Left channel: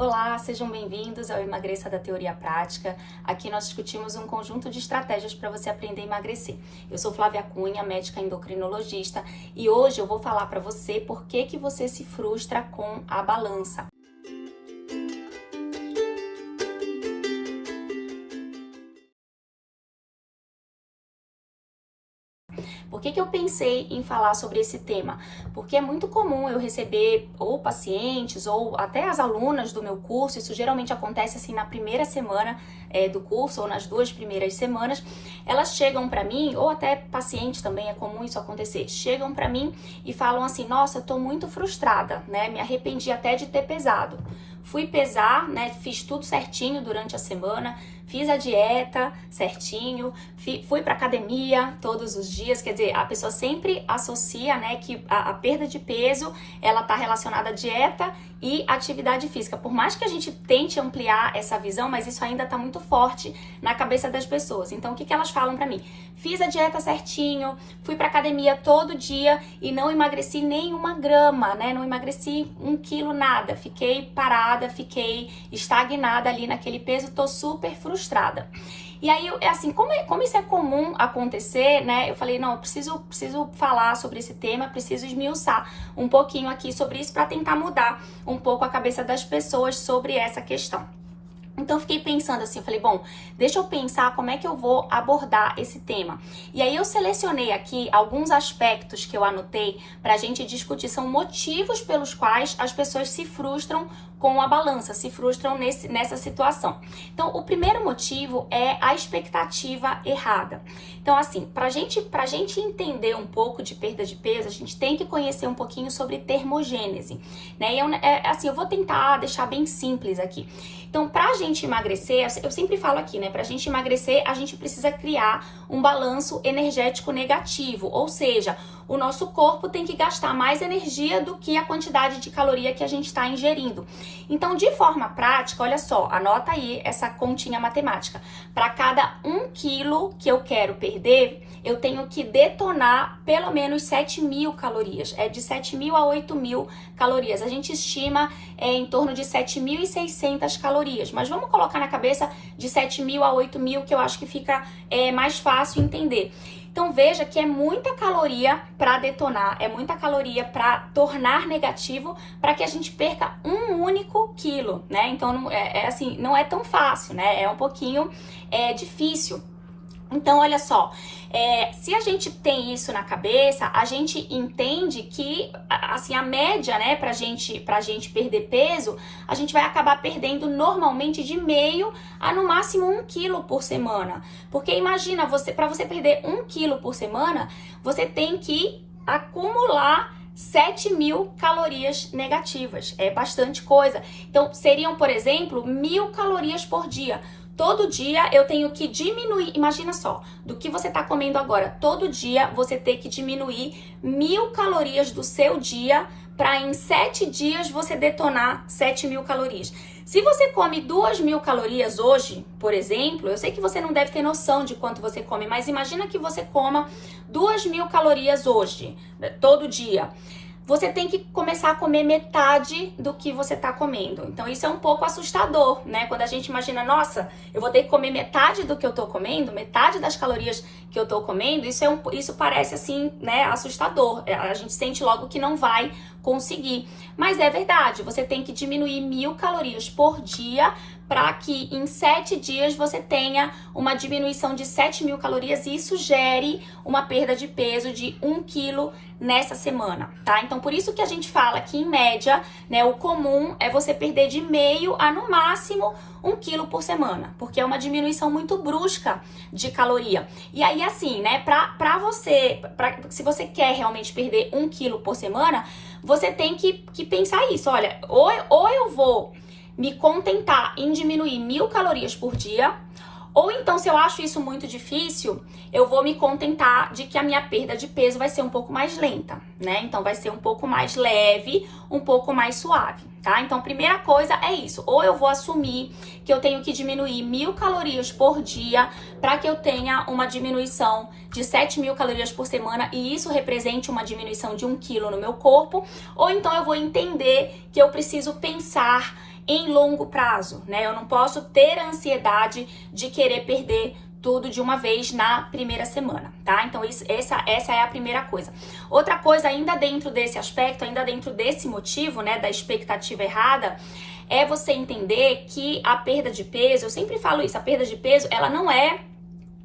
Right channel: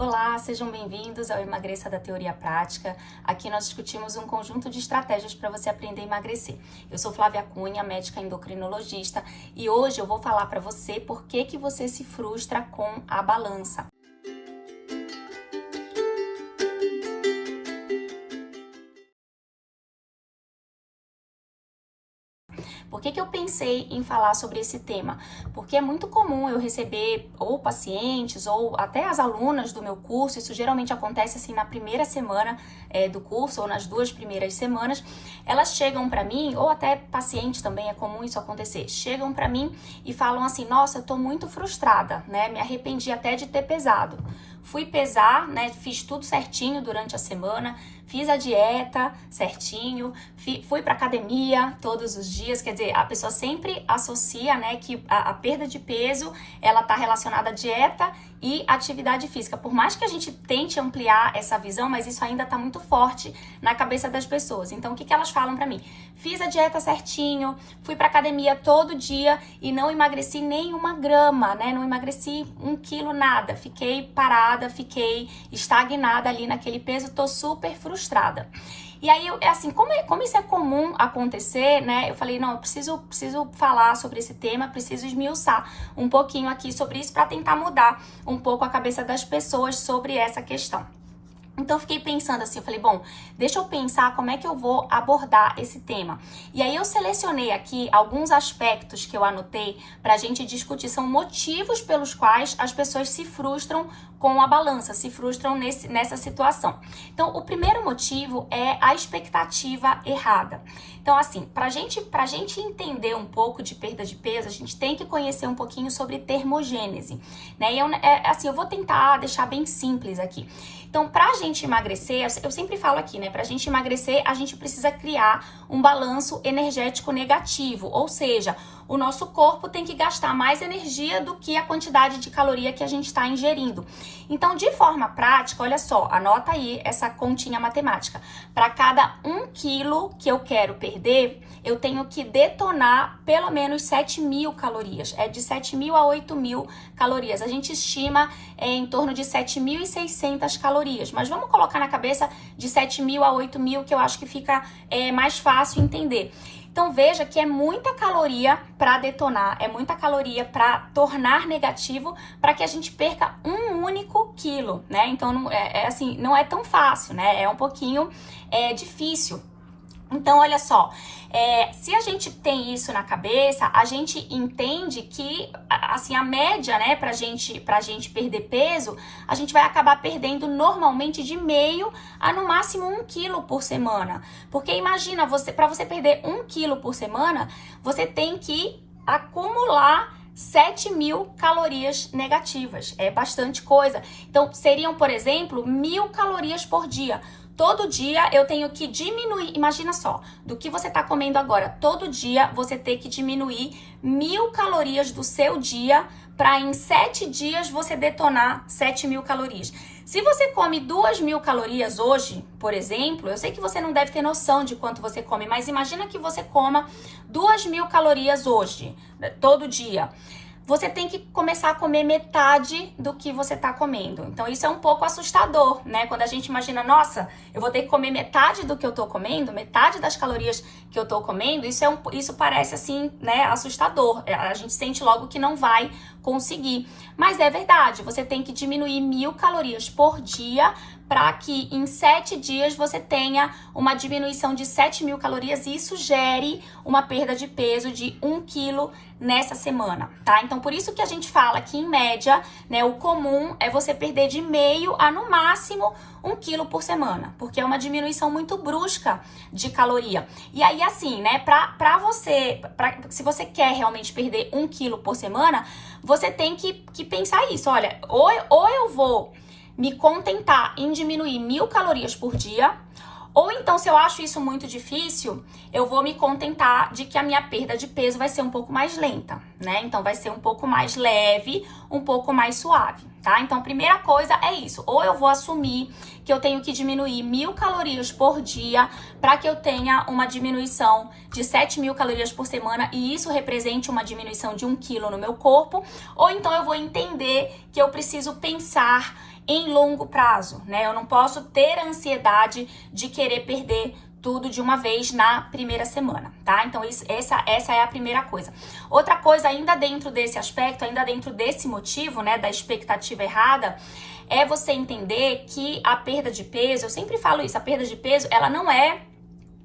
Olá, sejam bem-vindos ao Emagreça da Teoria Prática. Aqui nós discutimos um conjunto de estratégias para você aprender a emagrecer. Eu sou Flávia Cunha, médica endocrinologista, e hoje eu vou falar para você por que você se frustra com a balança. Por que eu pensei em falar sobre esse tema? Porque é muito comum eu receber ou pacientes ou até as alunas do meu curso, isso geralmente acontece assim na primeira semana do curso ou nas 2 primeiras semanas, elas chegam para mim, ou até pacientes também, é comum isso acontecer, chegam para mim e falam assim, nossa, eu tô muito frustrada, né? Me arrependi até de ter pesado. Fui pesar, né? Fiz tudo certinho durante a semana, fiz a dieta certinho, fui pra academia todos os dias, quer dizer, a pessoa sempre associa, né, que a perda de peso, ela tá relacionada à dieta e atividade física. Por mais que a gente tente ampliar essa visão, mas isso ainda tá muito forte na cabeça das pessoas. Então, o que elas falam pra mim? Fiz a dieta certinho, fui pra academia todo dia e não emagreci nem 1 grama, né? Não emagreci 1 quilo, nada. Fiquei parada, fiquei estagnada ali naquele peso, tô super frustrada. E aí, assim, como isso é comum acontecer, né? Eu falei, não, eu preciso falar sobre esse tema, preciso esmiuçar um pouquinho aqui sobre isso para tentar mudar um pouco a cabeça das pessoas sobre essa questão. Então, eu fiquei pensando assim, eu falei, bom, deixa eu pensar como é que eu vou abordar esse tema. E aí, eu selecionei aqui alguns aspectos que eu anotei pra gente discutir, são motivos pelos quais as pessoas se frustram com a balança, se frustram nessa situação. Então, o primeiro motivo é a expectativa errada. Então, assim, pra gente entender um pouco de perda de peso, a gente tem que conhecer um pouquinho sobre termogênese, né? E assim, eu vou tentar deixar bem simples aqui. Então, pra gente emagrecer, eu sempre falo aqui, né? Pra gente emagrecer, a gente precisa criar um balanço energético negativo, ou seja, o nosso corpo tem que gastar mais energia do que a quantidade de caloria que a gente está ingerindo. Então, de forma prática, olha só, anota aí essa continha matemática. Para cada 1 quilo que eu quero perder, eu tenho que detonar pelo menos 7.000 calorias. É de 7.000 a 8.000 calorias. A gente estima em torno de 7.600 calorias. Mas vamos colocar na cabeça de 7.000 a 8.000, que eu acho que fica mais fácil entender. Então, veja que é muita caloria para detonar, é muita caloria para tornar negativo para que a gente perca 1 único quilo, né? Então, assim, não é tão fácil, né? É um pouquinho difícil. Então, olha só, se a gente tem isso na cabeça, a gente entende que, assim, a média, né, pra gente perder peso, a gente vai acabar perdendo normalmente de meio a no máximo 1 quilo por semana. Porque imagina, para você perder 1 quilo por semana, você tem que acumular 7.000 calorias negativas. É bastante coisa. Então, seriam, por exemplo, 1.000 calorias por dia. Todo dia eu tenho que diminuir, imagina só, do que você tá comendo agora, todo dia você tem que diminuir 1.000 calorias do seu dia para em 7 dias você detonar 7.000 calorias. Se você come 2.000 calorias hoje, por exemplo, eu sei que você não deve ter noção de quanto você come, mas imagina que você coma 2.000 calorias hoje, todo dia. Você tem que começar a comer metade do que você tá comendo. Então, isso é um pouco assustador, né? Quando a gente imagina, nossa, eu vou ter que comer metade do que eu tô comendo, metade das calorias que eu tô comendo, isso parece, assim, né, assustador. A gente sente logo que não vai conseguir. Mas é verdade, você tem que diminuir 1.000 calorias por dia para que em 7 dias você tenha uma diminuição de 7.000 calorias e isso gere uma perda de peso de 1 quilo nessa semana, tá? Então, por isso que a gente fala que, em média, né, o comum é você perder de meio a, no máximo, 1 quilo por semana, porque é uma diminuição muito brusca de caloria. E aí, assim, né, se você quer realmente perder 1 quilo por semana, você tem que pensar isso, olha, ou eu vou me contentar em diminuir 1.000 calorias por dia, ou então, se eu acho isso muito difícil, eu vou me contentar de que a minha perda de peso vai ser um pouco mais lenta, né? Então, vai ser um pouco mais leve, um pouco mais suave, tá? tá? Então, a primeira coisa é isso. Ou eu vou assumir que eu tenho que diminuir 1.000 calorias por dia para que eu tenha uma diminuição de 7.000 calorias por semana e isso represente uma diminuição de 1 quilo no meu corpo. Ou então eu vou entender que eu preciso pensar em longo prazo, né? Eu não posso ter a ansiedade de querer perder tudo de uma vez na primeira semana, tá? Então, essa é a primeira coisa. Outra coisa, ainda dentro desse aspecto, ainda dentro desse motivo, né, da expectativa errada, é você entender que a perda de peso, eu sempre falo isso, a perda de peso, ela não é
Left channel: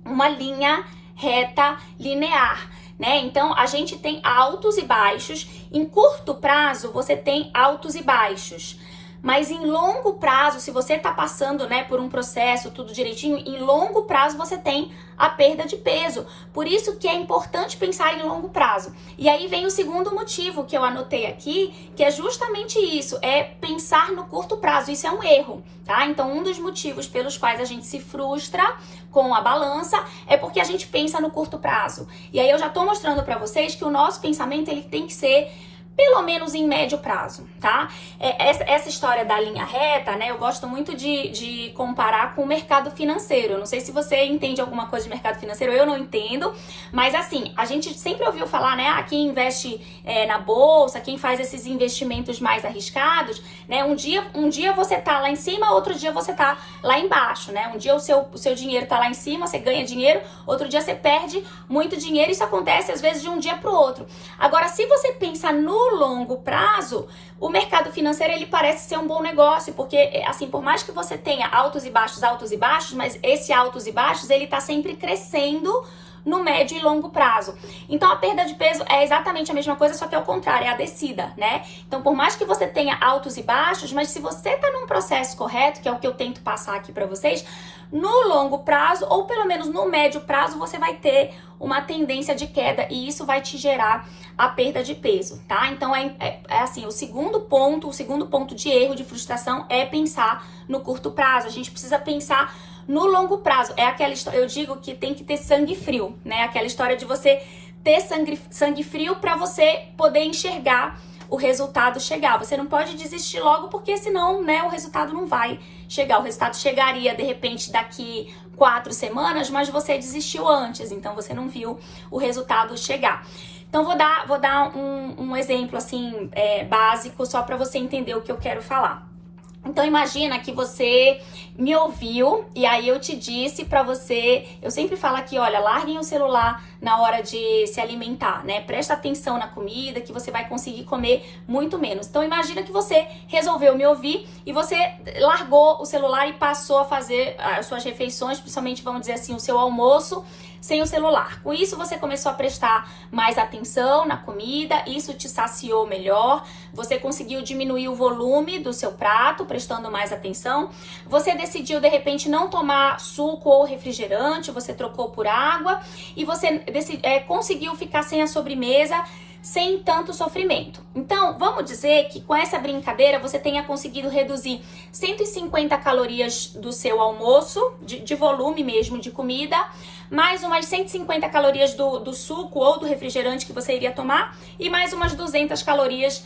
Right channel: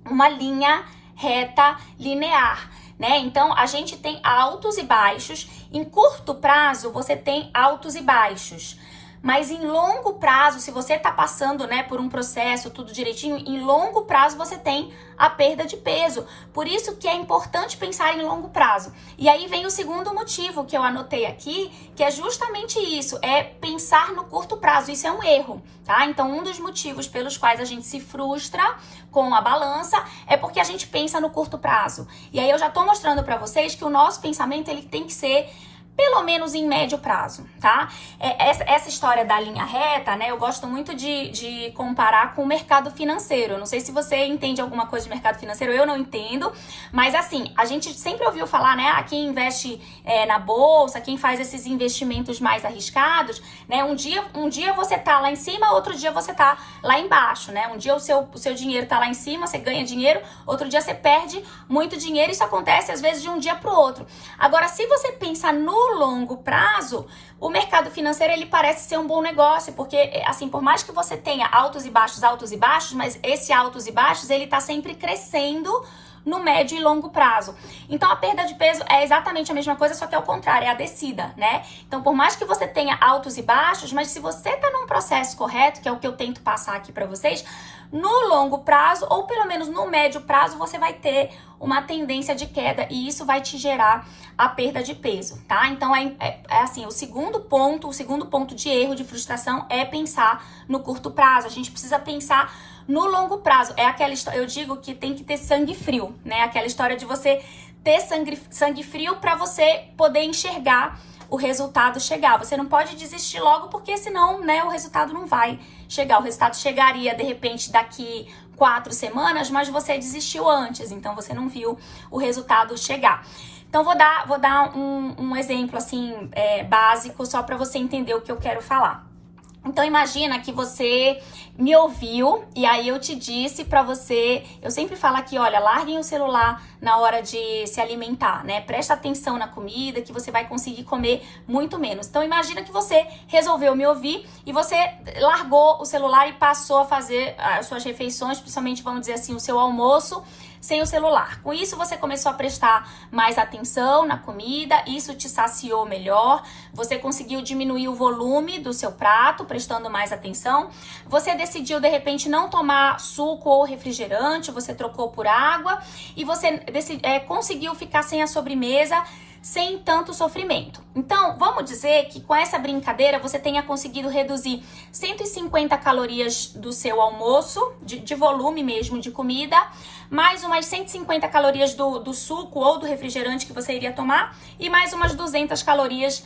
uma linha reta linear, né? Então, a gente tem altos e baixos. Em curto prazo, você tem altos e baixos. Mas em longo prazo, se você tá passando, né, por um processo, tudo direitinho, em longo prazo você tem a perda de peso. Por isso que é importante pensar em longo prazo. E aí vem o segundo motivo que eu anotei aqui, que é justamente isso, é pensar no curto prazo. Isso é um erro, tá? Então, um dos motivos pelos quais a gente se frustra com a balança é porque a gente pensa no curto prazo. E aí eu já tô mostrando pra vocês que o nosso pensamento, ele tem que ser pelo menos em médio prazo, tá? Essa história da linha reta, né? Eu gosto muito de comparar com o mercado financeiro. Não sei se você entende alguma coisa de mercado financeiro, eu não entendo. Mas assim, a gente sempre ouviu falar, né? Quem investe na bolsa, quem faz esses investimentos mais arriscados, né? Um dia você tá lá em cima, outro dia você tá lá embaixo, né? Um dia o seu dinheiro tá lá em cima, você ganha dinheiro, outro dia você perde muito dinheiro. Isso acontece às vezes de um dia pro outro. Agora, se você pensar no longo prazo, o mercado financeiro, ele parece ser um bom negócio, porque assim, por mais que você tenha altos e baixos, mas esse altos e baixos, ele tá sempre crescendo no médio e longo prazo. Então, a perda de peso é exatamente a mesma coisa, só que é o contrário, é a descida, né? Então, por mais que você tenha altos e baixos, mas se você tá num processo correto, que é o que eu tento passar aqui pra vocês, no longo prazo, ou pelo menos no médio prazo, você vai ter uma tendência de queda e isso vai te gerar a perda de peso, tá? Então, assim, o segundo ponto de erro, de frustração, é pensar no curto prazo. A gente precisa pensar no longo prazo. É aquela história, eu digo que tem que ter sangue frio, né? Aquela história de você ter sangue frio para você poder enxergar o resultado chegar. Você não pode desistir logo, porque senão, né, o resultado não vai chegar. O resultado chegaria, de repente, daqui 4 semanas, mas você desistiu antes, então você não viu o resultado chegar. Então, vou dar um exemplo, assim, básico, só para você entender o que eu quero falar. Então, imagina que você me ouviu e aí eu te disse pra você, eu sempre falo aqui, olha, larguem o celular na hora de se alimentar, né? Presta atenção na comida que você vai conseguir comer muito menos. Então, imagina que você resolveu me ouvir e você largou o celular e passou a fazer as suas refeições, principalmente, vamos dizer assim, o seu almoço, sem o celular. Com isso, você começou a prestar mais atenção na comida, isso te saciou melhor, você conseguiu diminuir o volume do seu prato, prestando mais atenção, você decidiu, de repente, não tomar suco ou refrigerante, você trocou por água e você conseguiu ficar sem a sobremesa, sem tanto sofrimento. Então, vamos dizer que com essa brincadeira você tenha conseguido reduzir 150 calorias do seu almoço, de volume mesmo de comida, mais umas 150 calorias do suco ou do refrigerante que você iria tomar e mais umas 200 calorias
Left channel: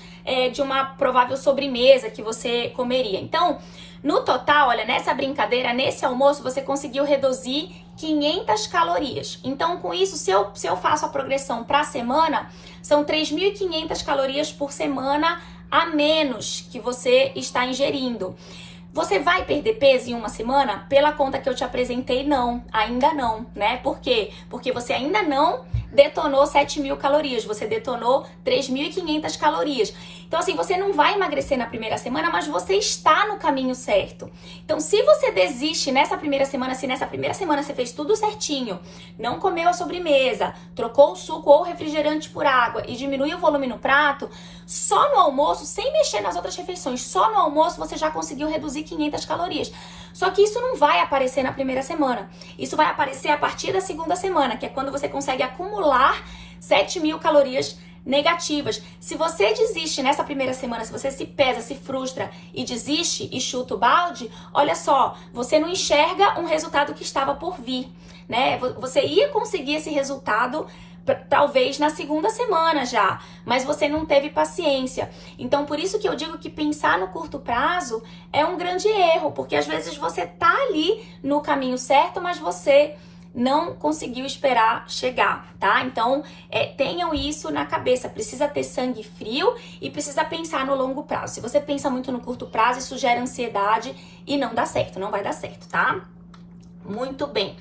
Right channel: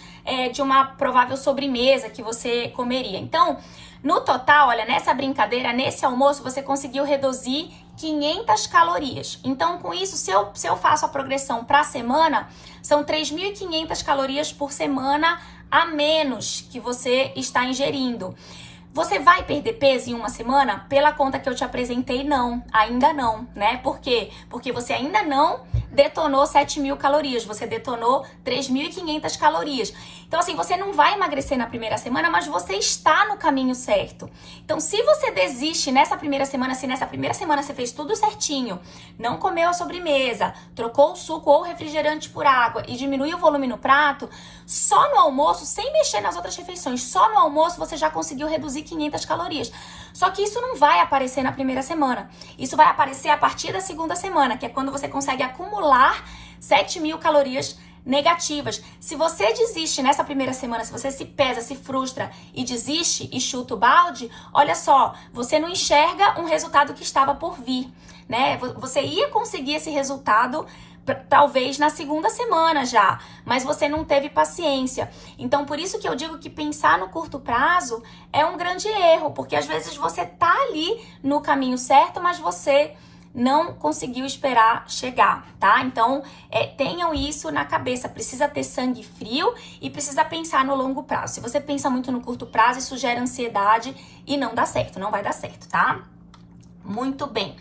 de uma provável sobremesa que você comeria. Então, no total, olha, nessa brincadeira, nesse almoço, você conseguiu reduzir 500 calorias. Então, com isso, se eu faço a progressão para a semana, são 3.500 calorias por semana a menos que você está ingerindo. Você vai perder peso em uma semana? Pela conta que eu te apresentei, não. Ainda não, né? Por quê? Porque você ainda não detonou 7.000 calorias, você detonou 3.500 calorias. Então, assim, você não vai emagrecer na primeira semana, mas você está no caminho certo. Então, se você desiste nessa primeira semana, se nessa primeira semana você fez tudo certinho, não comeu a sobremesa, trocou o suco ou o refrigerante por água e diminuiu o volume no prato, só no almoço, sem mexer nas outras refeições, só no almoço você já conseguiu reduzir 500 calorias. Só que isso não vai aparecer na primeira semana. Isso vai aparecer a partir da segunda semana, que é quando você consegue acumular 7.000 calorias negativas. Se você desiste nessa primeira semana, se você se pesa, se frustra e desiste e chuta o balde, olha só, você não enxerga um resultado que estava por vir, né? Você ia conseguir esse resultado talvez na segunda semana já, mas você não teve paciência. Então, por isso que eu digo que pensar no curto prazo é um grande erro, porque às vezes você tá ali no caminho certo, mas você não conseguiu esperar chegar, tá? Então, tenham isso na cabeça. Precisa ter sangue frio e precisa pensar no longo prazo. Se você pensa muito no curto prazo, isso gera ansiedade e não dá certo, não vai dar certo, tá? Muito bem.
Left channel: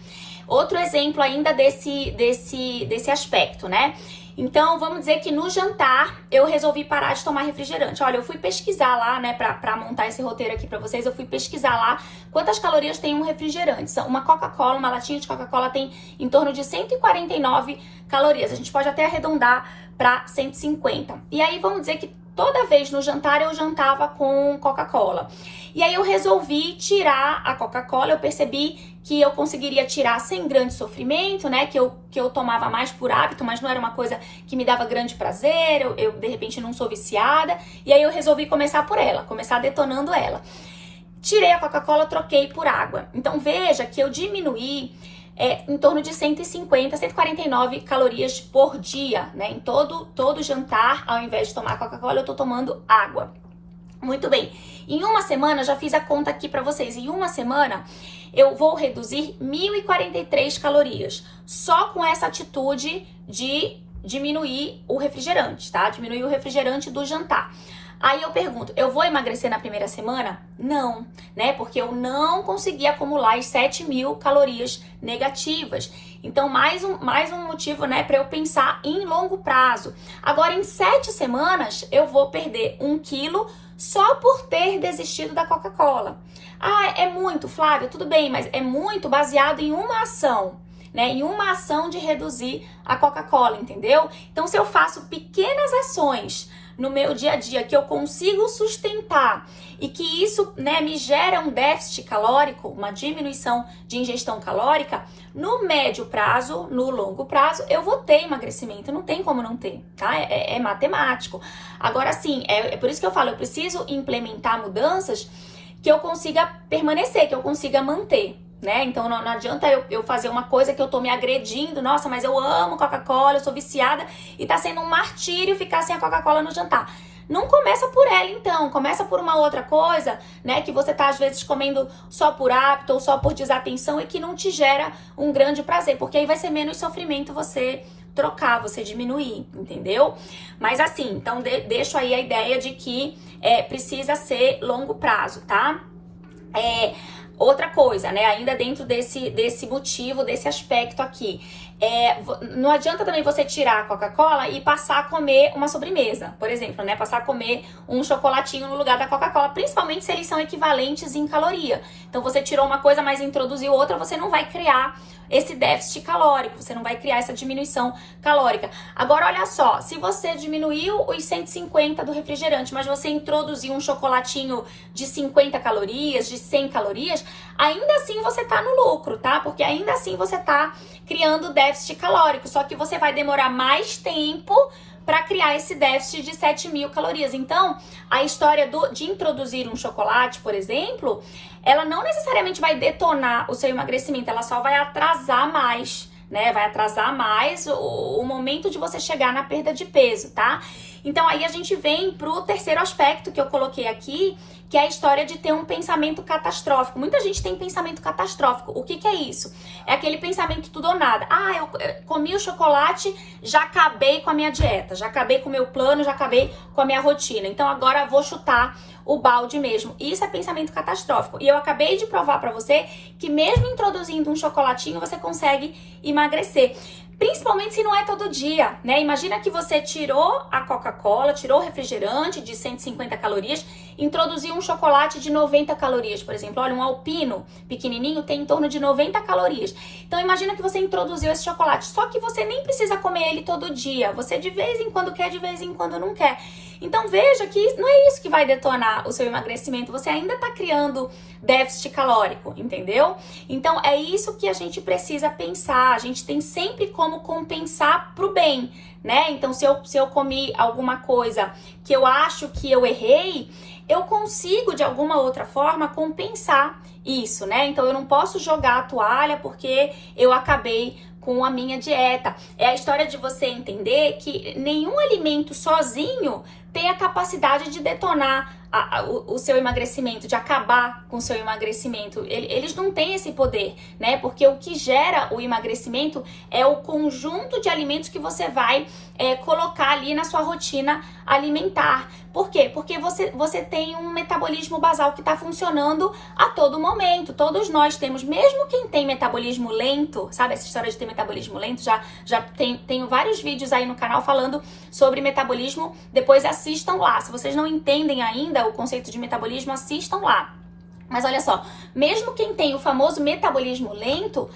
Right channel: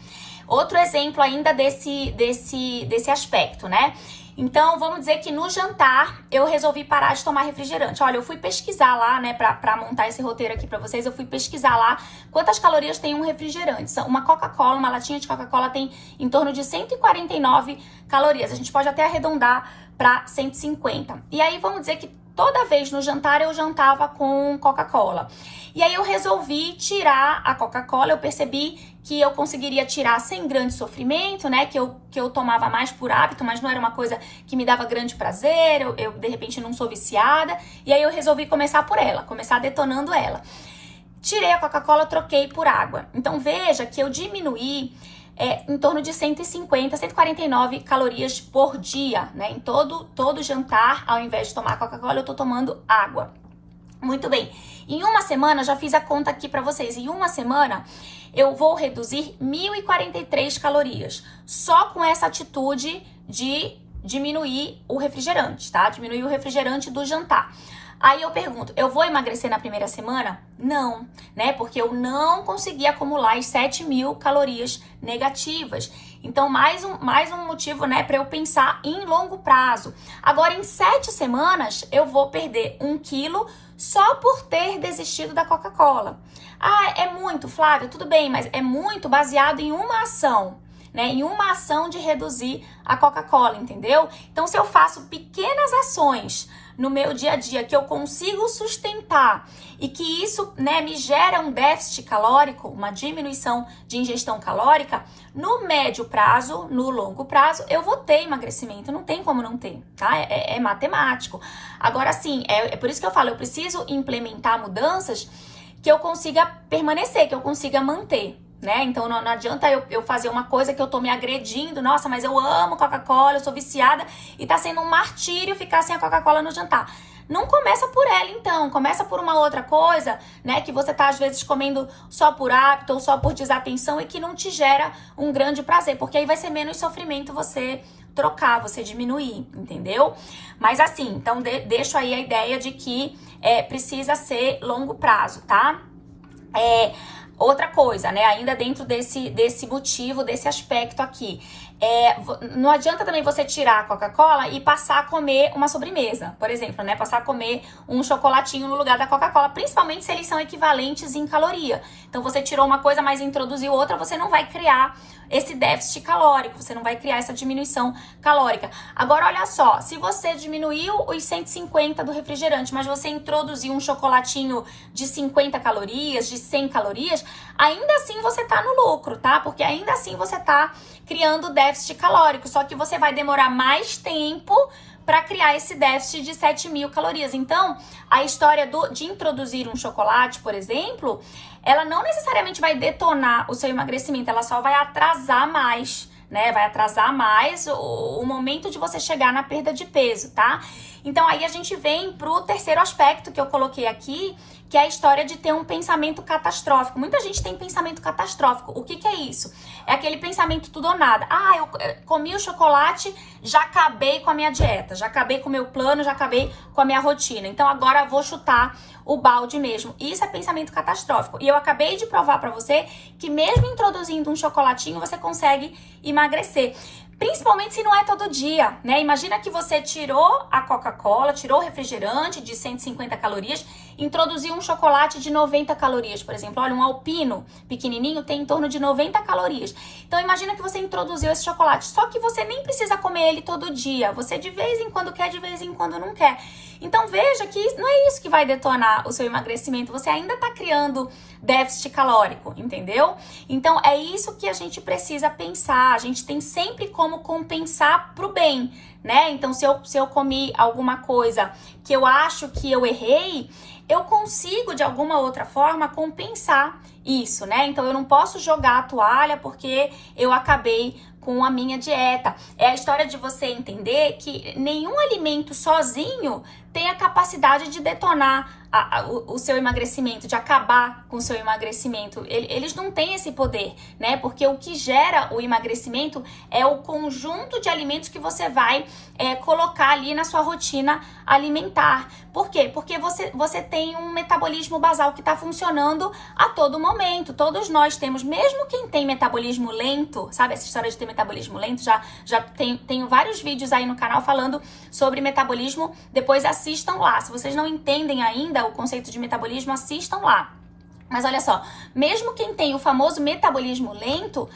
Outro exemplo ainda desse aspecto, né? Então, vamos dizer que no jantar eu resolvi parar de tomar refrigerante. Olha, eu fui pesquisar lá, né, pra montar esse roteiro aqui pra vocês, eu fui pesquisar lá quantas calorias tem um refrigerante. Uma Coca-Cola, uma latinha de Coca-Cola tem em torno de 149 calorias. A gente pode até arredondar pra 150. E aí, vamos dizer que toda vez no jantar eu jantava com Coca-Cola. E aí eu resolvi tirar a Coca-Cola, eu percebi que eu conseguiria tirar sem grande sofrimento, né? Que eu tomava mais por hábito, mas não era uma coisa que me dava grande prazer, eu de repente não sou viciada. E aí eu resolvi começar por ela, começar detonando ela. Tirei a Coca-Cola, troquei por água. Então veja que eu diminuí em torno de 150, 149 calorias por dia, né? Em todo jantar, ao invés de tomar Coca-Cola, eu tô tomando água. Muito bem. Em uma semana, já fiz a conta aqui pra vocês. Em uma semana, eu vou reduzir 1.043 calorias. Só com essa atitude de diminuir o refrigerante, tá? Diminuir o refrigerante do jantar. Aí eu pergunto, eu vou emagrecer na primeira semana? Não, né? Porque eu não consegui acumular as 7.000 calorias negativas. Então, mais um motivo, né, para eu pensar em longo prazo. Agora, em 7 semanas, eu vou perder 1 quilo só por ter desistido da Coca-Cola. Ah, é muito, Flávia, tudo bem, mas é muito baseado em uma ação, né? Em uma ação de reduzir a Coca-Cola, entendeu? Então, se eu faço pequenas ações no meu dia a dia que eu consigo sustentar e que isso, né, me gera um déficit calórico, uma diminuição de ingestão calórica, no médio prazo, no longo prazo, eu vou ter emagrecimento, não tem como não ter, tá? É matemático. Agora sim, é por isso que eu falo, eu preciso implementar mudanças que eu consiga permanecer, que eu consiga manter, né? Então não adianta eu fazer uma coisa que eu tô me agredindo, nossa, mas eu amo Coca-Cola, eu sou viciada e tá sendo um martírio ficar sem a Coca-Cola no jantar. Não começa por ela, então. Começa por uma outra coisa, né? Que você tá, às vezes, comendo só por hábito ou só por desatenção e que não te gera um grande prazer. Porque aí vai ser menos sofrimento você trocar, você diminuir, entendeu? Mas assim, então deixo aí a ideia de que precisa ser longo prazo, tá? Outra coisa, né? Ainda dentro desse motivo, desse aspecto aqui. Não adianta também você tirar a Coca-Cola e passar a comer uma sobremesa, por exemplo, né? Passar a comer um chocolatinho no lugar da Coca-Cola, principalmente se eles são equivalentes em caloria. Então, você tirou uma coisa, mas introduziu outra, você não vai criar esse déficit calórico, você não vai criar essa diminuição calórica. Agora, olha só, se você diminuiu os 150 do refrigerante, mas você introduziu um chocolatinho de 50 calorias, de 100 calorias, ainda assim você tá no lucro, tá? Porque ainda assim você tá criando déficit calórico, só que você vai demorar mais tempo para criar esse déficit de 7.000 calorias. Então, a história de introduzir um chocolate, por exemplo, ela não necessariamente vai detonar o seu emagrecimento, ela só vai atrasar mais, né? Vai atrasar mais o momento de você chegar na perda de peso, tá? Então, aí a gente vem pro terceiro aspecto que eu coloquei aqui, que é a história de ter um pensamento catastrófico. Muita gente tem pensamento catastrófico. O que é isso? É aquele pensamento tudo ou nada. Ah, eu comi o chocolate, já acabei com a minha dieta, já acabei com o meu plano, já acabei com a minha rotina. Então, agora eu vou chutar o balde mesmo. Isso é pensamento catastrófico. E eu acabei de provar pra você que mesmo introduzindo um chocolatinho, você consegue emagrecer. Principalmente se não é todo dia, né? Imagina que você tirou a Coca-Cola, tirou o refrigerante de 150 calorias, introduziu um chocolate de 90 calorias, por exemplo. Olha, um alpino pequenininho tem em torno de 90 calorias. Então, imagina que você introduziu esse chocolate, só que você nem precisa comer ele todo dia. Você de vez em quando quer, de vez em quando não quer. Então, veja que não é isso que vai detonar o seu emagrecimento. Você ainda tá criando déficit calórico, entendeu? Então, é isso que a gente precisa pensar. A gente tem sempre como compensar pro bem, né? Então, se eu comi alguma coisa que eu acho que eu errei, eu consigo, de alguma outra forma, compensar isso, né? Então, eu não posso jogar a toalha porque eu acabei com a minha dieta. É a história de você entender que nenhum alimento sozinho tem a capacidade de detonar o seu emagrecimento, de acabar com o seu emagrecimento. Eles não têm esse poder, né? Porque o que gera o emagrecimento é o conjunto de alimentos que você vai colocar ali na sua rotina alimentar. Por quê? Porque você tem um metabolismo basal que está funcionando a todo momento. Todos nós temos, mesmo quem tem metabolismo lento, sabe essa história de ter metabolismo lento? Já tenho vários vídeos aí no canal falando sobre metabolismo, depois assistam lá. Se vocês não entendem ainda o conceito de metabolismo, assistam lá. Mas olha só, mesmo quem tem o famoso metabolismo lento,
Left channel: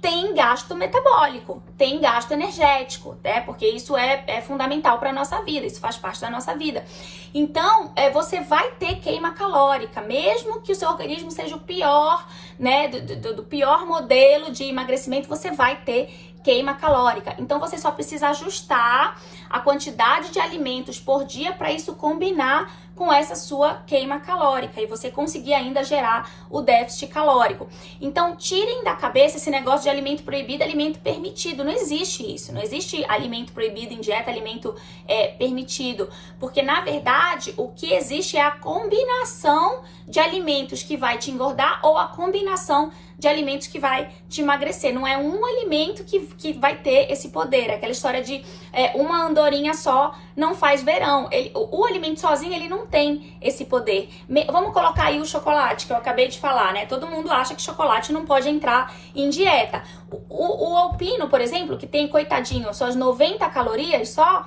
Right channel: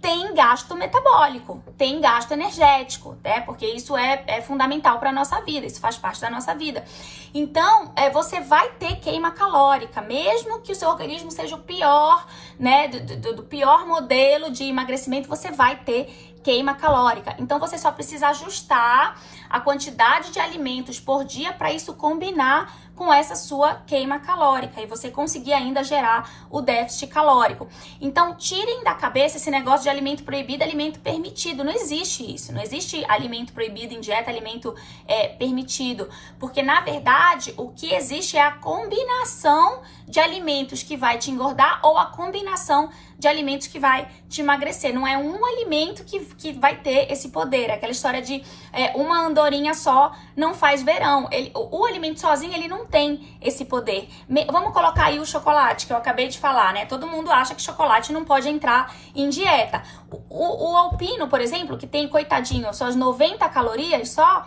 tem gasto metabólico, tem gasto energético, né? Porque isso é fundamental para a nossa vida, isso faz parte da nossa vida. Então, você vai ter queima calórica, mesmo que o seu organismo seja o pior, né? Do pior modelo de emagrecimento, você vai ter queima calórica. Então, você só precisa ajustar a quantidade de alimentos por dia para isso combinar com essa sua queima calórica e você conseguir ainda gerar o déficit calórico. Então, tirem da cabeça esse negócio de alimento proibido, alimento permitido. Não existe isso. Não existe alimento proibido em dieta, alimento permitido. Porque, na verdade, o que existe é a combinação de alimentos que vai te engordar ou a combinação de alimentos que vai te emagrecer. Não é um alimento que vai ter esse poder. É aquela história de uma andorinha só não faz verão. O alimento sozinho, ele não tem esse poder. Vamos colocar aí o chocolate, que eu acabei de falar, né? Todo mundo acha que chocolate não pode entrar em dieta. O alpino, por exemplo, que tem, coitadinho, suas 90 calorias só.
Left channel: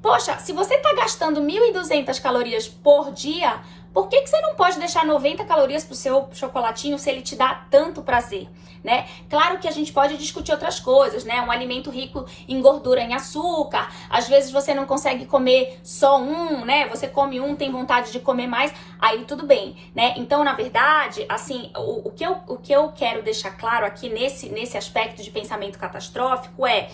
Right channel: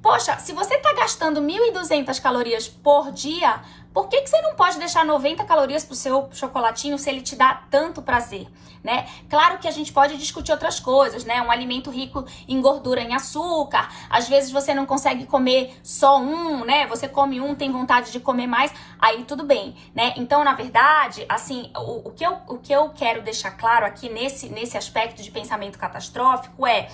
Poxa, se você tá gastando 1.200 calorias por dia, por que você não pode deixar 90 calorias pro seu chocolatinho se ele te dá tanto prazer, né? Claro que a gente pode discutir outras coisas, né? Um alimento rico em gordura, em açúcar. Às vezes você não consegue comer só um, né? Você come um, tem vontade de comer mais, aí tudo bem, né? Então, na verdade, assim, o que eu quero deixar claro aqui nesse aspecto de pensamento catastrófico é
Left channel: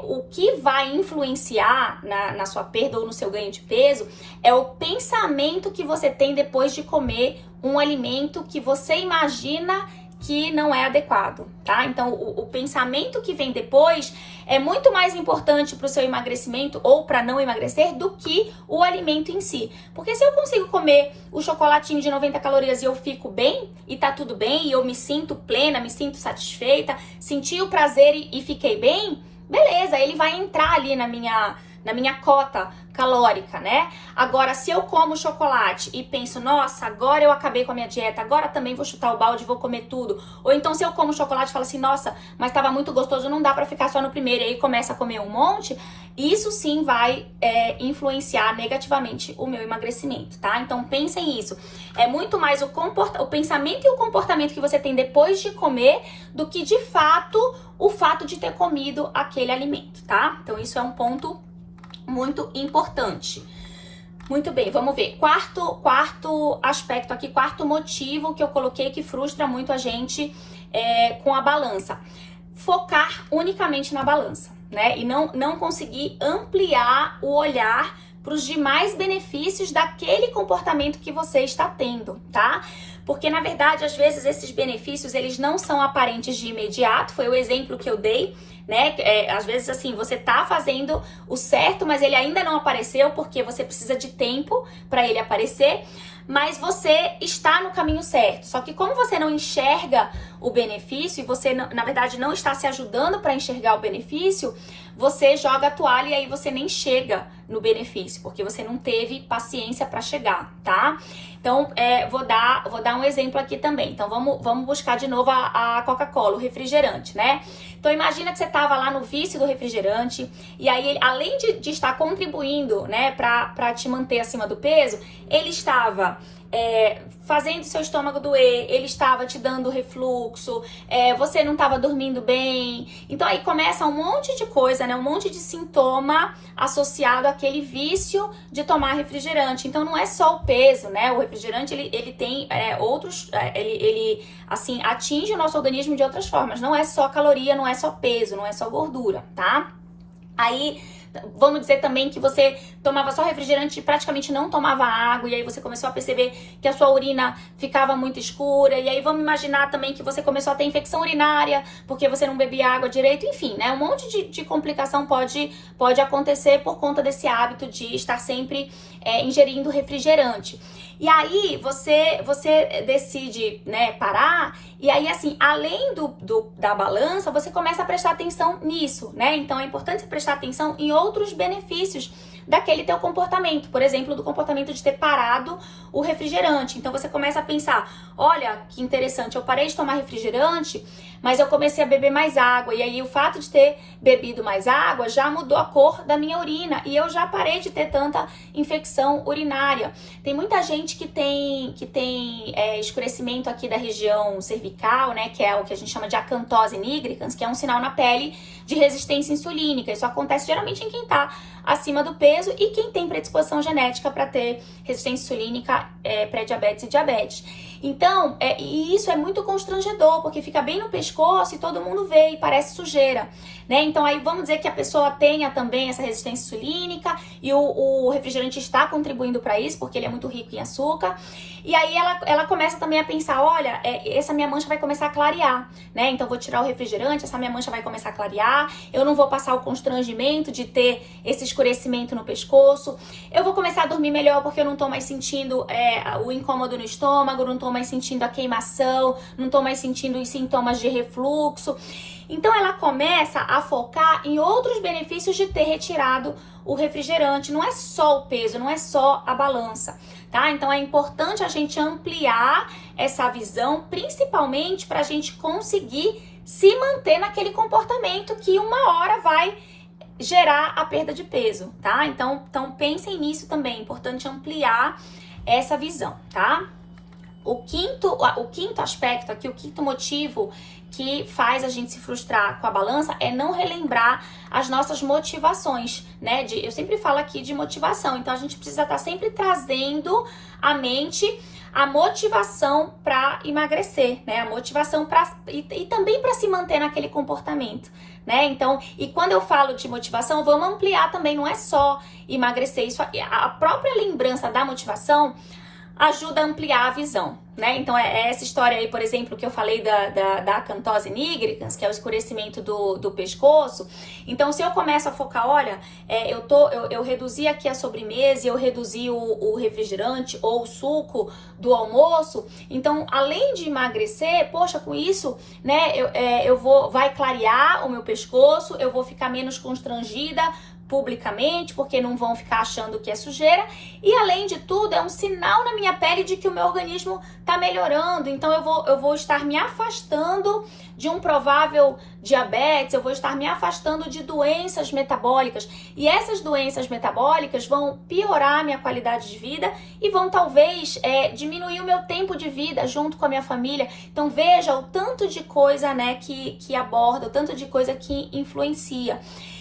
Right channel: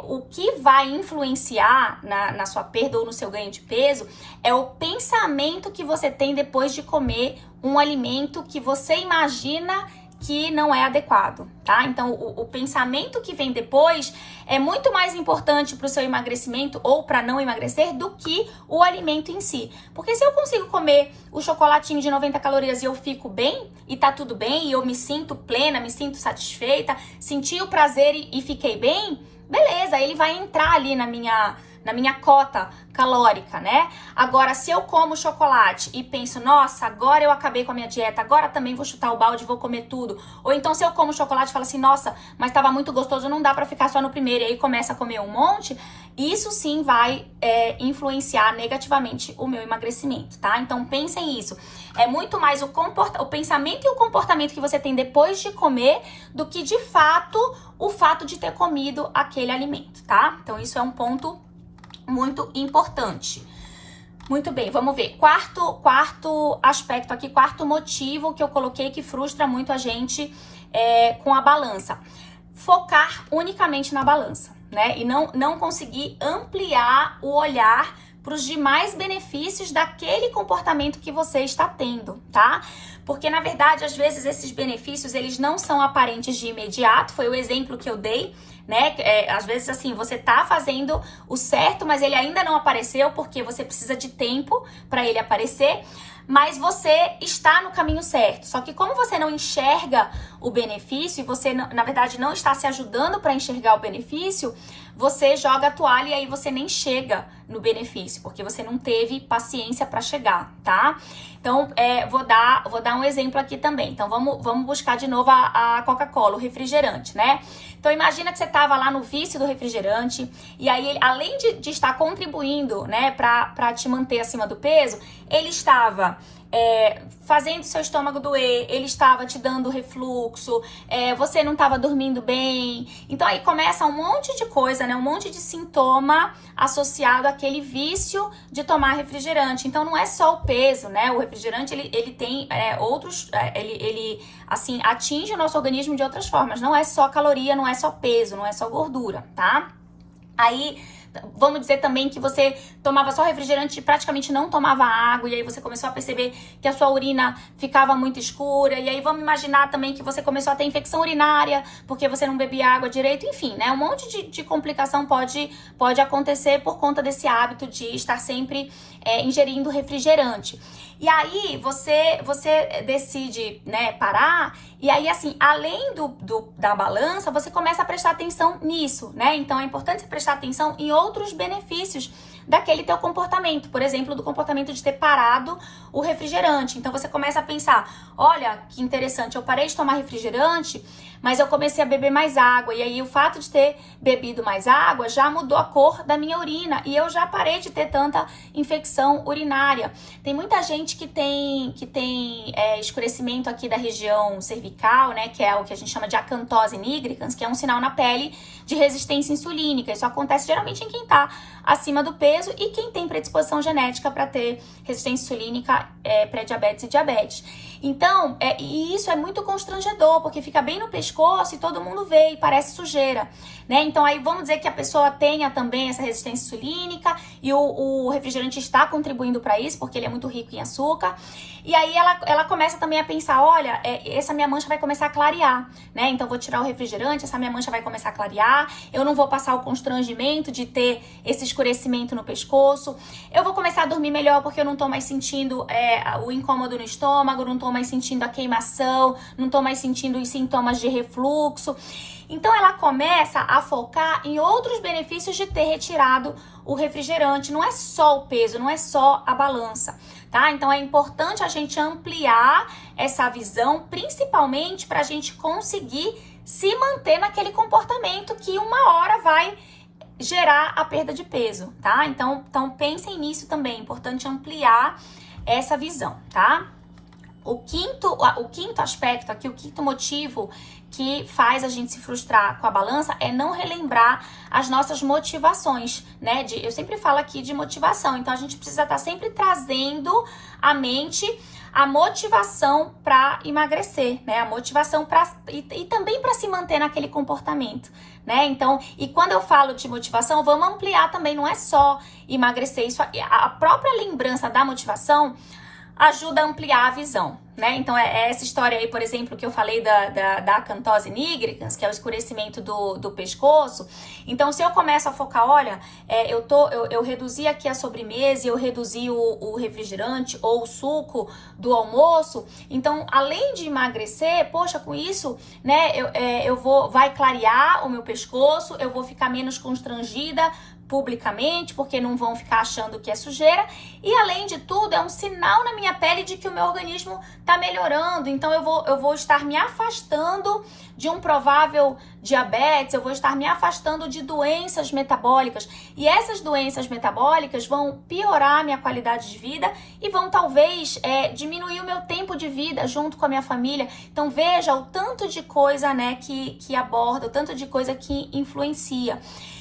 o que vai influenciar na sua perda ou no seu ganho de peso é o pensamento que você tem depois de comer um alimento que você imagina que não é adequado, tá? Então, o pensamento que vem depois é muito mais importante para o seu emagrecimento ou para não emagrecer do que o alimento em si. Porque se eu consigo comer o chocolatinho de 90 calorias e eu fico bem, e tá tudo bem, e eu me sinto plena, me sinto satisfeita, senti o prazer e fiquei bem, beleza, ele vai entrar ali na minha cota calórica, né? Agora, se eu como chocolate e penso, nossa, agora eu acabei com a minha dieta, agora também vou chutar o balde e vou comer tudo. Ou então, se eu como chocolate e falo assim, nossa, mas tava muito gostoso, não dá pra ficar só no primeiro, e aí começa a comer um monte, isso sim vai influenciar negativamente o meu emagrecimento, tá? Então, pensem nisso. É muito mais o pensamento e o comportamento que você tem depois de comer do que, de fato, o fato de ter comido aquele alimento, tá? Então, isso é um ponto muito importante. Muito bem, vamos ver. Quarto aspecto aqui, quarto motivo que eu coloquei que frustra muito a gente com a balança. Focar unicamente na balança, né? E não conseguir ampliar o olhar para os demais benefícios daquele comportamento que você está tendo, tá? Porque, na verdade, às vezes esses benefícios, eles não são aparentes de imediato, foi o exemplo que eu dei, né? Às vezes, assim, você tá fazendo o certo, mas ele ainda não apareceu porque você precisa de tempo para ele aparecer, mas você está no caminho certo. Só que como você não enxerga o benefício e você, na verdade, não está se ajudando para enxergar o benefício, você joga a toalha e aí você nem chega no benefício, porque você não teve paciência para chegar, tá? Então, vou dar um exemplo aqui também. Então, vamos buscar de novo a Coca-Cola, o refrigerante, né? Então, imagina que você estava lá no vício do refrigerante e aí, além de estar contribuindo, né, para te manter acima do peso, ele estava fazendo seu estômago doer, ele estava te dando refluxo, você não estava dormindo bem. Então aí começa um monte de coisa, né? Um monte de sintoma associado àquele vício de tomar refrigerante. Então não é só o peso, né? O refrigerante ele tem outros, ele assim atinge o nosso organismo de outras formas. Não é só caloria, não é só peso, não é só gordura, tá? Aí Vamos dizer também que você tomava só refrigerante e praticamente não tomava água, e aí você começou a perceber que a sua urina ficava muito escura, e aí vamos imaginar também que você começou a ter infecção urinária porque você não bebia água direito, enfim, né? Um monte de complicação pode acontecer por conta desse hábito de estar sempre ingerindo refrigerante. E aí você decide, né, parar, e aí assim, além da balança, você começa a prestar atenção nisso, né? Então é importante você prestar atenção em outros benefícios daquele teu comportamento, por exemplo, do comportamento de ter parado o refrigerante. Então você começa a pensar, olha, que interessante, eu parei de tomar refrigerante, mas eu comecei a beber mais água, e aí o fato de ter bebido mais água já mudou a cor da minha urina, e eu já parei de ter tanta infecção urinária. Tem muita gente que tem escurecimento aqui da região cervical, né, que é o que a gente chama de acantose nigricans, que é um sinal na pele de resistência insulínica. Isso acontece geralmente em quem tá acima do peso e quem tem predisposição genética para ter resistência insulínica, pré-diabetes e diabetes. Então, e isso é muito constrangedor, porque fica bem no pescoço e todo mundo vê e parece sujeira, né? Então aí vamos dizer que a pessoa tenha também essa resistência insulínica e o refrigerante está contribuindo para isso, porque ele é muito rico em açúcar. E aí ela começa também a pensar, olha, essa minha mancha vai começar a clarear, né? Então vou tirar o refrigerante, essa minha mancha vai começar a clarear, eu não vou passar o constrangimento de ter esse escurecimento no pescoço, eu vou começar a dormir melhor porque eu não tô mais sentindo o incômodo no estômago, não tô mais sentindo a queimação, não tô mais sentindo os sintomas de refluxo. Então ela começa a focar em outros benefícios de ter retirado o refrigerante. Não é só o peso, não é só a balança, tá? Então é importante a gente ampliar essa visão, principalmente para a gente conseguir se manter naquele comportamento que uma hora vai gerar a perda de peso, tá? Então pensem nisso também, é importante ampliar essa visão, tá? O quinto aspecto aqui, o quinto motivo que faz a gente se frustrar com a balança é não relembrar as nossas motivações, né? Eu sempre falo aqui de motivação, então a gente precisa estar sempre trazendo à mente a motivação para emagrecer, né? A motivação e também para se manter naquele comportamento, né? Então, e quando eu falo de motivação, vamos ampliar também, não é só emagrecer, isso, a própria lembrança da motivação ajuda a ampliar a visão, né? Então é essa história aí, por exemplo, que eu falei da acantose nigricans, que é o escurecimento do pescoço. Então, se eu começo a focar, olha, eu reduzi aqui a sobremesa e eu reduzi o refrigerante ou o suco do almoço, então, além de emagrecer, poxa, com isso, né, vai clarear o meu pescoço, eu vou ficar menos constrangida publicamente, porque não vão ficar achando que é sujeira, e além de tudo, é um sinal na minha pele de que o meu organismo tá melhorando, então eu vou estar me afastando de um provável diabetes, eu vou estar me afastando de doenças metabólicas, e essas doenças metabólicas vão piorar a minha qualidade de vida e vão talvez diminuir o meu tempo de vida junto com a minha família. Então veja o tanto de coisa, né, que aborda, o tanto de coisa que influencia.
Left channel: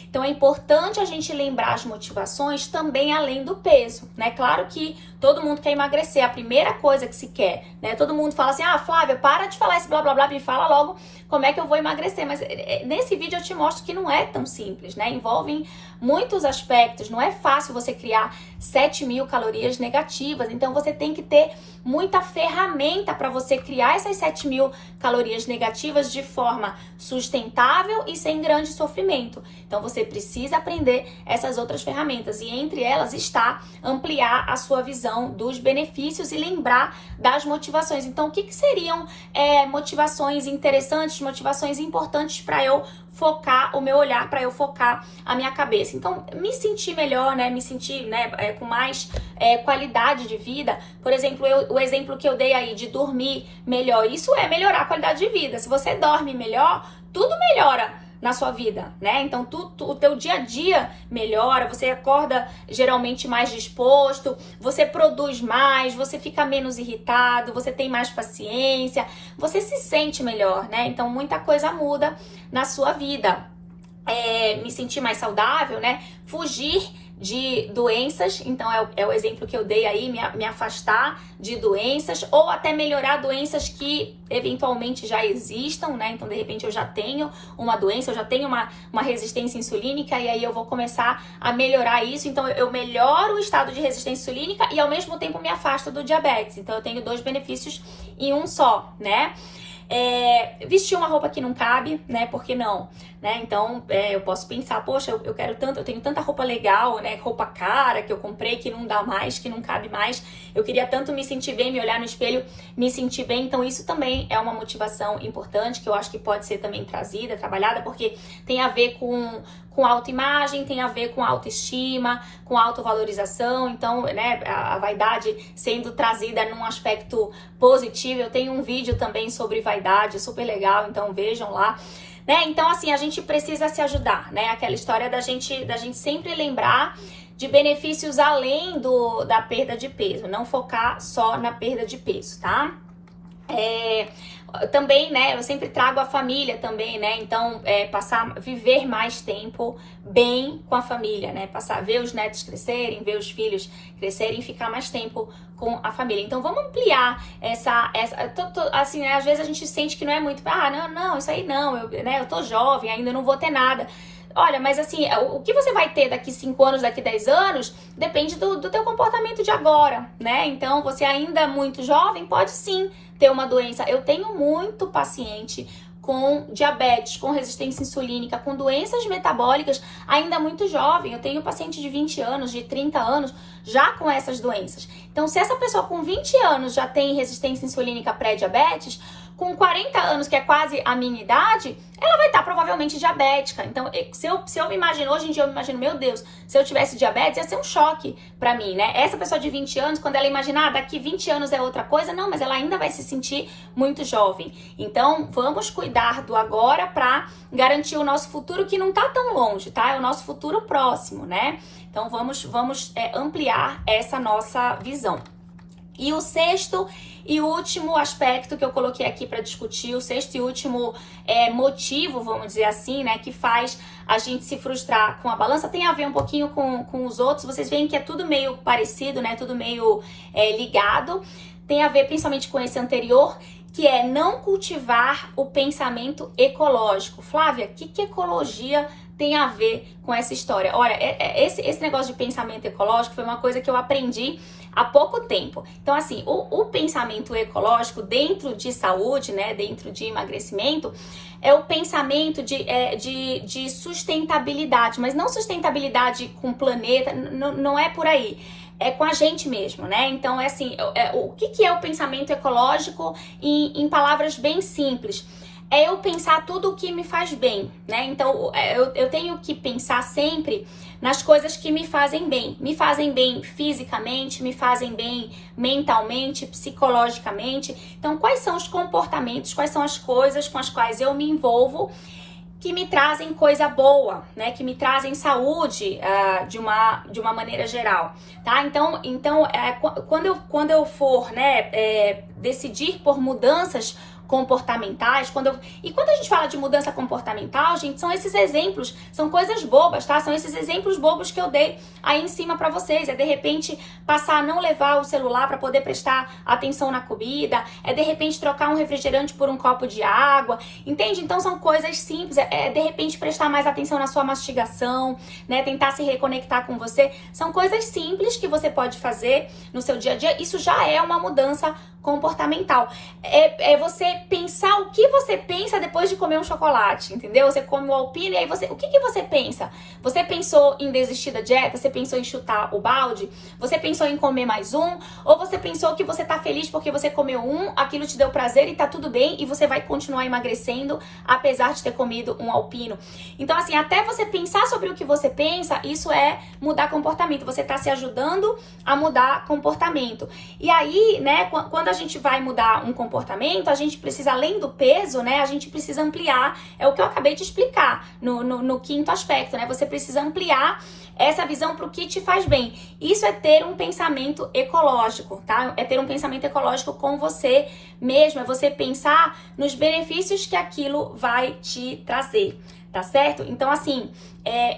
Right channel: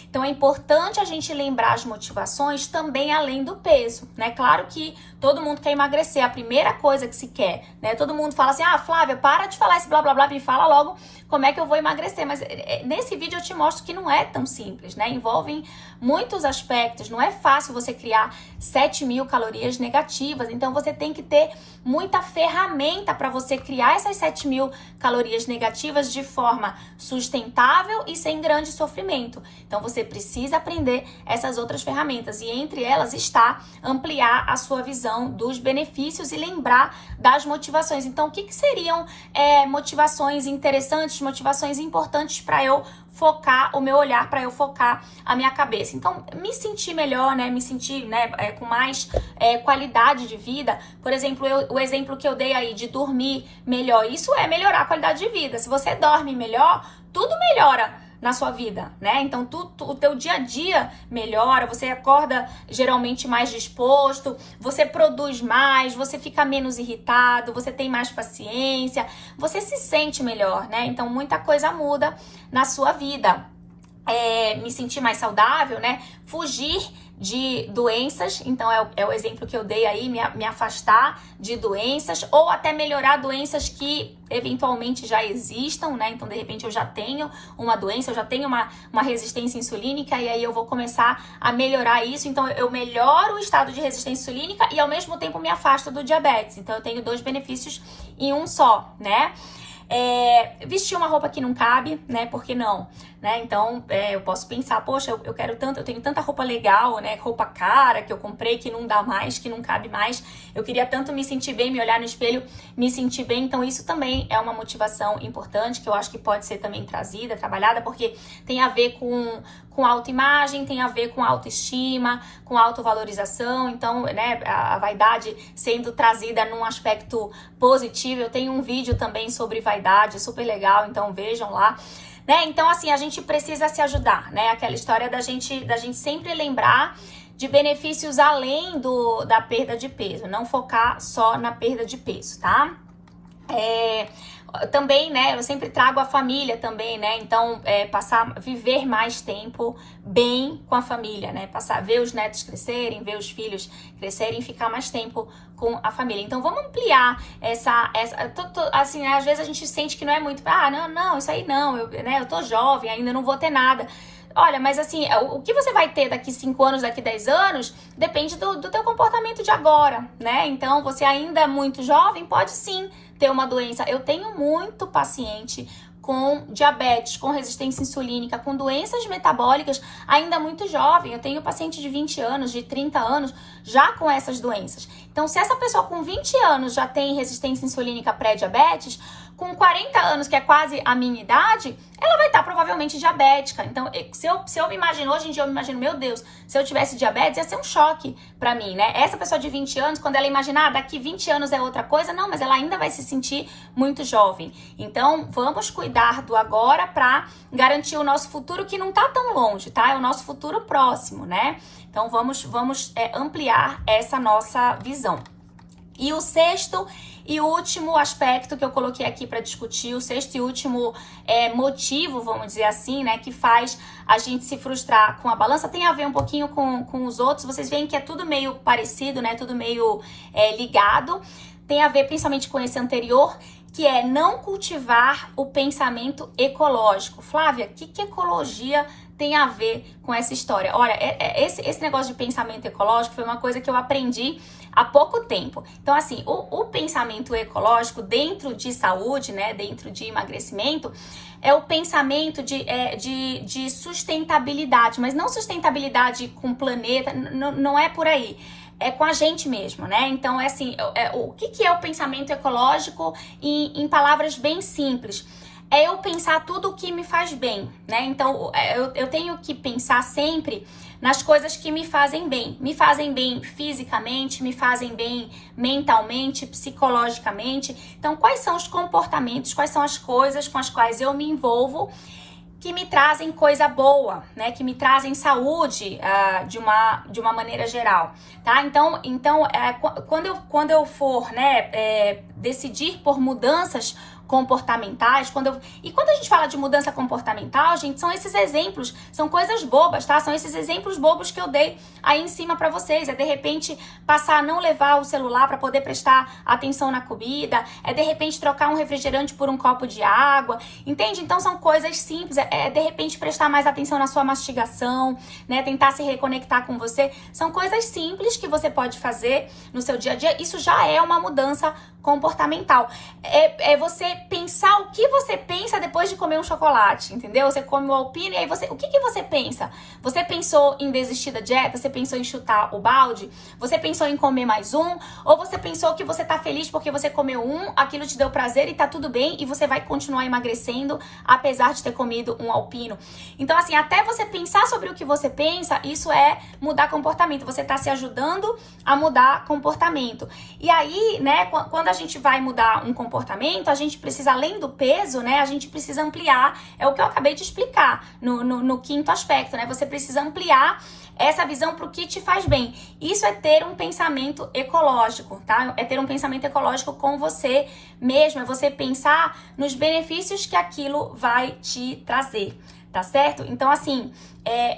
Então é importante a gente lembrar as motivações também além do peso, né? Claro que todo mundo quer emagrecer, a primeira coisa que se quer, né? Todo mundo fala assim, Flávia, para de falar esse blá blá blá, me fala logo como é que eu vou emagrecer. Mas nesse vídeo eu te mostro que não é tão simples, né? Envolvem muitos aspectos, não é fácil você criar 7.000 calorias negativas, então você tem que ter muita ferramenta para você criar essas 7.000 calorias negativas de forma sustentável e sem grande sofrimento. Então você precisa aprender essas outras ferramentas, e entre elas está ampliar a sua visão dos benefícios e lembrar das motivações. Então o que seriam motivações interessantes, motivações importantes para eu focar o meu olhar, para eu focar a minha cabeça? Então, me sentir melhor, né? Me sentir, né, com mais qualidade de vida. Por exemplo, o exemplo que eu dei aí de dormir melhor, isso é melhorar a qualidade de vida. Se você dorme melhor, tudo melhora na sua vida, né? Então, o teu dia a dia melhora, você acorda geralmente mais disposto, você produz mais, você fica menos irritado, você tem mais paciência, você se sente melhor, né? Então, muita coisa muda na sua vida. Me sentir mais saudável, né? Fugir de doenças, então é o exemplo que eu dei aí, me afastar de doenças, ou até melhorar doenças que eventualmente já existam, né? Então, de repente, eu já tenho uma doença, eu já tenho uma resistência insulínica, e aí eu vou começar a melhorar isso. Então, eu melhoro o estado de resistência insulínica e, ao mesmo tempo, me afasto do diabetes. Então, eu tenho 2 benefícios em um só, né? Vestir uma roupa que não cabe, né? Por que não? Né? Então, eu posso pensar, poxa, eu quero tanto, eu tenho tanta roupa legal, né? Roupa cara que eu comprei, que não dá mais, que não cabe mais. Eu queria tanto me sentir bem, me olhar no espelho, me sentir bem. Então, isso também é uma motivação importante, que eu acho que pode ser também trazida, trabalhada, porque tem a ver com autoimagem, tem a ver com autoestima, com autovalorização. Então, né, a vaidade sendo trazida num aspecto positivo. Eu tenho um vídeo também sobre vaidade, super legal, então vejam lá. Né? Então, assim, a gente precisa se ajudar, né? Aquela história da gente sempre lembrar de benefícios além da perda de peso, não focar só na perda de peso, tá? Também, né, eu sempre trago a família também, né, então viver mais tempo bem com a família, né, ver os netos crescerem, ver os filhos crescerem, ficar mais tempo com a família. Então vamos ampliar assim, né, às vezes a gente sente que não é muito, não, isso aí não, eu tô jovem, ainda não vou ter nada. Olha, mas assim, o que você vai ter daqui 5 anos, daqui 10 anos, depende do teu comportamento de agora, né? Então, você ainda muito jovem, pode sim ter uma doença. Eu tenho muito paciente com diabetes, com resistência insulínica, com doenças metabólicas, ainda muito jovem. Eu tenho paciente de 20 anos, de 30 anos, já com essas doenças. Então, se essa pessoa com 20 anos já tem resistência insulínica pré-diabetes, com 40 anos, que é quase a minha idade, ela vai estar provavelmente diabética. Então, se eu me imagino, hoje em dia eu me imagino, meu Deus, se eu tivesse diabetes, ia ser um choque pra mim, né? Essa pessoa de 20 anos, quando ela imaginar, daqui 20 anos é outra coisa, não, mas ela ainda vai se sentir muito jovem. Então, vamos cuidar do agora pra garantir o nosso futuro, que não tá tão longe, tá? É o nosso futuro próximo, né? Então, vamos ampliar essa nossa visão. E o sexto e último aspecto que eu coloquei aqui para discutir, o sexto e último motivo, vamos dizer assim, né, que faz a gente se frustrar com a balança, tem a ver um pouquinho com os outros. Vocês veem que é tudo meio parecido, né, tudo meio ligado. Tem a ver principalmente com esse anterior, que é não cultivar o pensamento ecológico. Flávia, o que ecologia tem a ver com essa história? Olha, esse negócio de pensamento ecológico foi uma coisa que eu aprendi há pouco tempo. Então, assim, o pensamento ecológico dentro de saúde, né, dentro de emagrecimento, é o pensamento de sustentabilidade, mas não sustentabilidade com o planeta, não é por aí. É com a gente mesmo, né? Então, o que é o pensamento ecológico em palavras bem simples? É eu pensar tudo o que me faz bem, né? Então, eu tenho que pensar sempre nas coisas que me fazem bem. Me fazem bem fisicamente, me fazem bem mentalmente, psicologicamente. Então, quais são os comportamentos, quais são as coisas com as quais eu me envolvo que me trazem coisa boa, né? Que me trazem saúde de uma maneira geral, tá? Então quando eu for, né, decidir por mudanças comportamentais, quando a gente fala de mudança comportamental, gente, são esses exemplos, são coisas bobas, tá? São esses exemplos bobos que eu dei aí em cima pra vocês. É de repente passar a não levar o celular pra poder prestar atenção na comida, é de repente trocar um refrigerante por um copo de água, entende? Então são coisas simples, é de repente prestar mais atenção na sua mastigação, né? Tentar se reconectar com você. São coisas simples que você pode fazer no seu dia a dia. Isso já é uma mudança comportamental. É você pensar o que você pensa depois de comer um chocolate, entendeu? Você come o Alpino e aí o que você pensa? Você pensou em desistir da dieta? Você pensou em chutar o balde? Você pensou em comer mais um? Ou você pensou que você tá feliz porque você comeu um, aquilo te deu prazer e tá tudo bem e você vai continuar emagrecendo apesar de ter comido um Alpino? Então, assim, até você pensar sobre o que você pensa, isso é mudar comportamento. Você tá se ajudando a mudar comportamento. E aí, né, quando a gente vai mudar um comportamento, a gente precisa, além do peso, né, a gente precisa ampliar, é o que eu acabei de explicar no quinto aspecto, né, você precisa ampliar essa visão para o que te faz bem. Isso é ter um pensamento ecológico, tá? É ter um pensamento ecológico com você mesmo, é você pensar nos benefícios que aquilo vai te trazer, tá certo? Então, assim,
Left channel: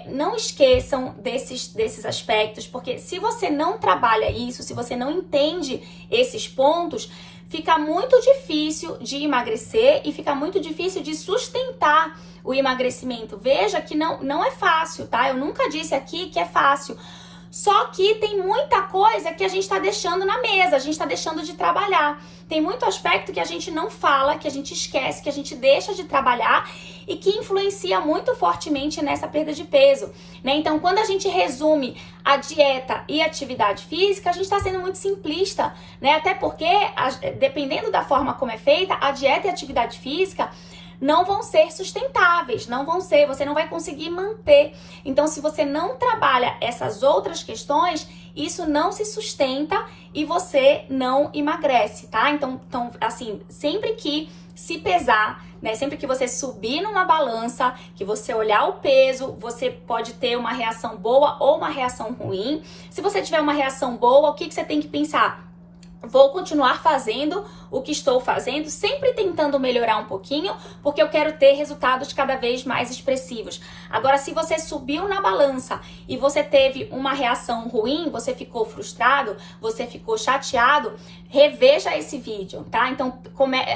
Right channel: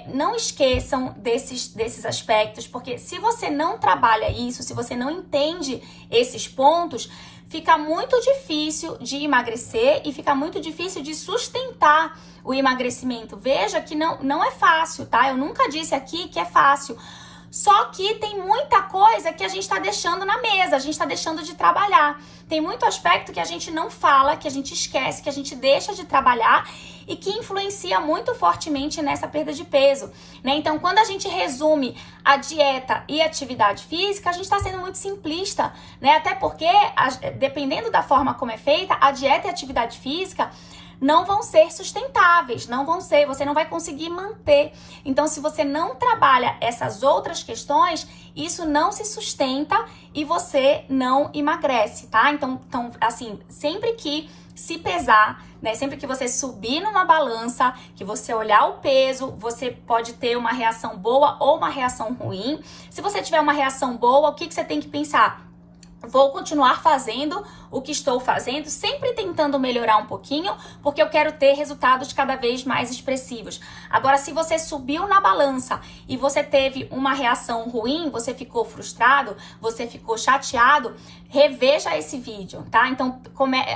não esqueçam desses aspectos, porque se você não trabalha isso, se você não entende esses pontos, fica muito difícil de emagrecer e fica muito difícil de sustentar o emagrecimento. Veja que não é fácil, tá? Eu nunca disse aqui que é fácil. Só que tem muita coisa que a gente está deixando na mesa, a gente está deixando de trabalhar. Tem muito aspecto que a gente não fala, que a gente esquece, que a gente deixa de trabalhar e que influencia muito fortemente nessa perda de peso, né? Então, quando a gente resume a dieta e a atividade física, a gente está sendo muito simplista, né? Até porque, dependendo da forma como é feita, a dieta e a atividade física não vão ser sustentáveis, você não vai conseguir manter. Então, se você não trabalha essas outras questões, isso não se sustenta e você não emagrece, tá? Então assim, sempre que se pesar, né, sempre que você subir numa balança, que você olhar o peso, você pode ter uma reação boa ou uma reação ruim. Se você tiver uma reação boa, o que você tem que pensar? Vou continuar fazendo o que estou fazendo, sempre tentando melhorar um pouquinho, porque eu quero ter resultados cada vez mais expressivos. Agora, se você subiu na balança e você teve uma reação ruim, você ficou frustrado, você ficou chateado, reveja esse vídeo, tá? Então,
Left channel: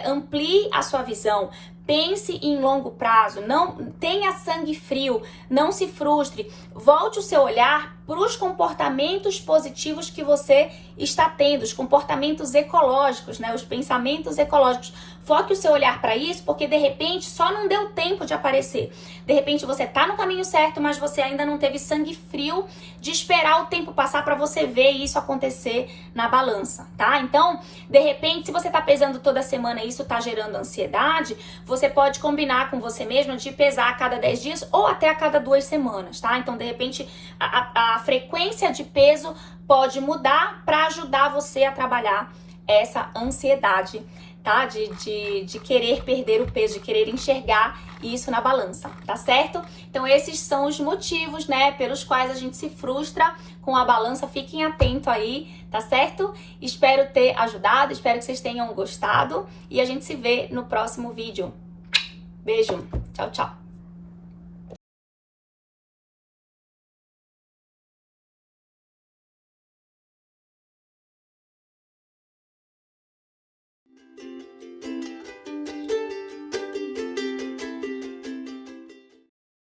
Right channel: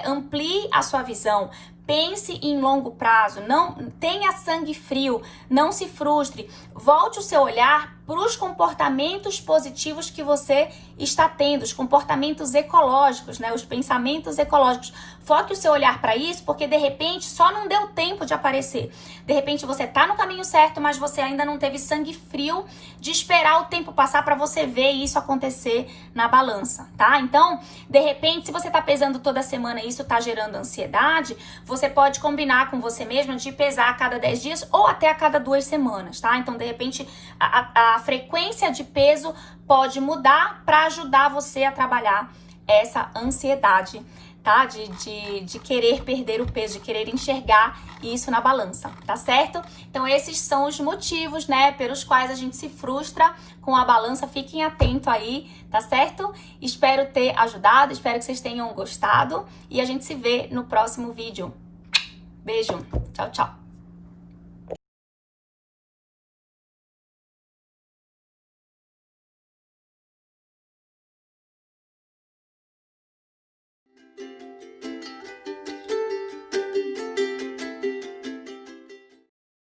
amplie a sua visão. Pense em longo prazo, não tenha sangue frio, não se frustre. Volte o seu olhar para os comportamentos positivos que você está tendo, os comportamentos ecológicos, né? Os pensamentos ecológicos. Foque o seu olhar para isso, porque de repente só não deu tempo de aparecer. De repente você está no caminho certo, mas você ainda não teve sangue frio de esperar o tempo passar para você ver isso acontecer na balança, tá? Então, de repente, se você está pesando toda semana e isso está gerando ansiedade, você pode combinar com você mesma de pesar a cada 10 dias ou até a cada 2 semanas, tá? Então, de repente, a frequência de peso pode mudar para ajudar você a trabalhar essa ansiedade, tá? De querer perder o peso, de querer enxergar isso na balança, tá certo? Então, esses são os motivos, né, pelos quais a gente se frustra com a balança. Fiquem atentos aí, tá certo? Espero ter ajudado, espero que vocês tenham gostado e a gente se vê no próximo vídeo. Beijo, tchau, tchau.